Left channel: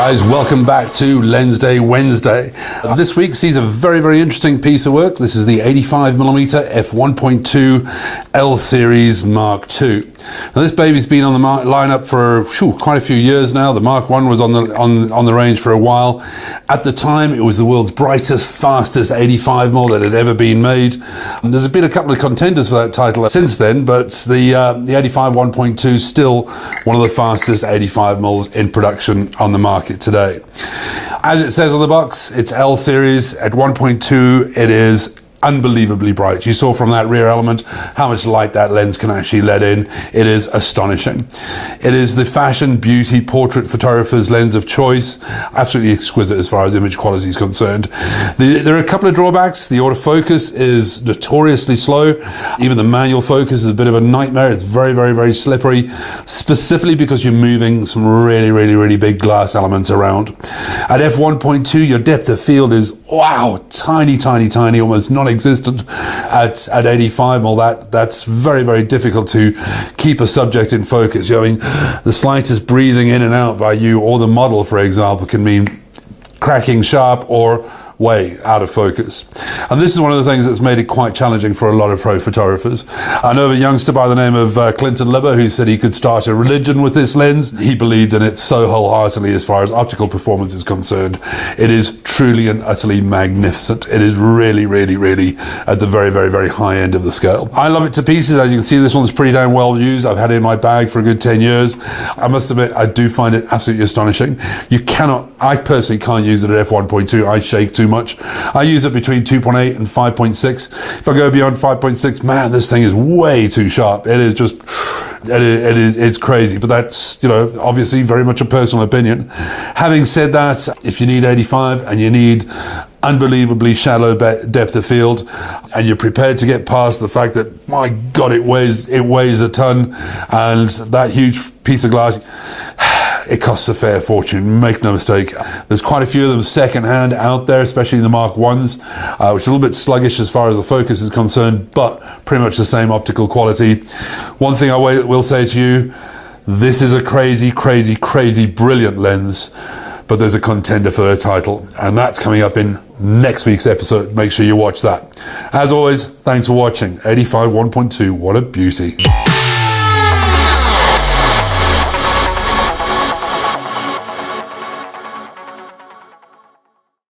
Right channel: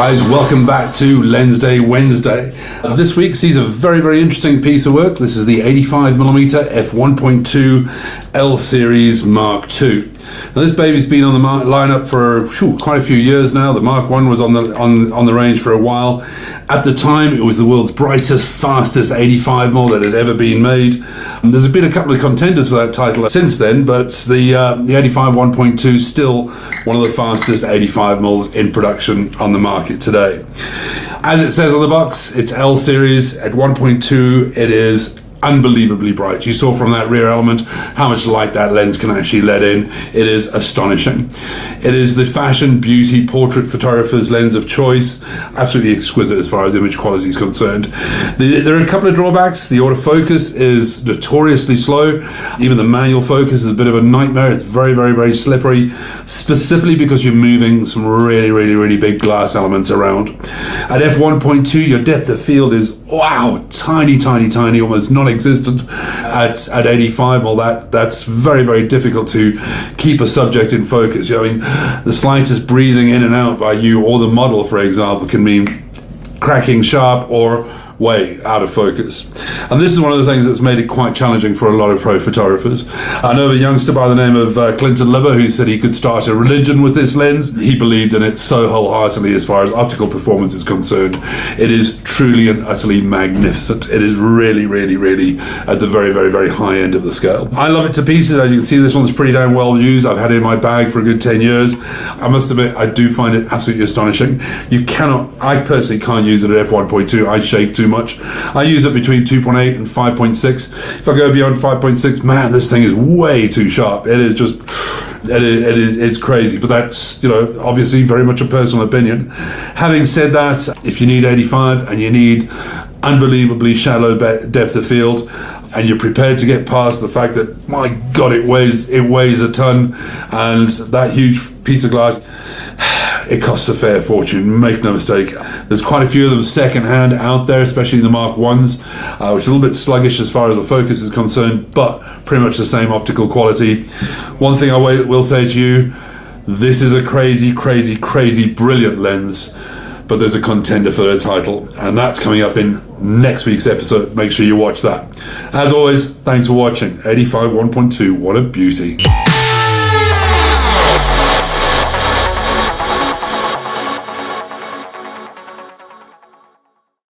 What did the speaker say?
guys, welcome back to Lensday Wednesday. This week sees a very, very interesting piece of work. This is the 85mm f1.2 L series Mark II. Now this baby's been on the lineup for quite a few years now. The Mark I was on the range for a while. At the time, it was the world's brightest, fastest 85mm that had ever been made. And there's been a couple of contenders for that title since then, but the 85 1.2 is still one of the fastest 85mm in production on the market today. As it says on the box, it's L series. At 1.2, it is unbelievably bright. You saw from that rear element how much light that lens can actually let in. It is astonishing. It is the fashion, beauty, portrait photographer's lens of choice. Absolutely exquisite as far as image quality is concerned. There are a couple of drawbacks. The autofocus is notoriously slow. Even the manual focus is a bit of a nightmare. It's very, very, very slippery, specifically because you're moving some really, really, really big glass elements around. At f1.2, your depth of field is, wow, tiny, tiny, tiny, almost non-existent. At 85, well, that's very, very difficult to keep a subject in focus. I mean, the slightest breathing in and out by you or the model, for example, can mean cracking sharp or way out of focus. And this is one of the things that's made it quite challenging for a lot of pro photographers. I know of a youngster by the name of Clinton Libber who said he could start a religion with this lens. He believed in it so wholeheartedly as far as optical performance is concerned. It is truly and utterly magnificent. It is really, really, really at the very, very, very high end of the scale. I love it to pieces. As you can see, this one's pretty damn well used. I've had it in my bag for a good 10 years. I must admit, I do find it absolutely astonishing. I personally can't use it at f1.2. I shake too much. I use it between 2.8 and 5.6. If I go beyond 5.6, man, this thing is way too sharp. It is just, it's crazy. But that's, obviously very much a personal opinion. Having said that, if you need 85 and you need unbelievably shallow depth of field, and you're prepared to get past the fact that, my God, it weighs a ton, and that huge piece of glass, it costs a fair fortune, make no mistake. There's quite a few of them second-hand out there, especially the Mark Is, which is a little bit sluggish as far as the focus is concerned, but pretty much the same optical quality. One thing I will say to you, this is a crazy, crazy, crazy brilliant lens, but there's a contender for the title, and that's coming up in next week's episode. Make sure you watch that. As always, thanks for watching. 85 1.2, what a beauty.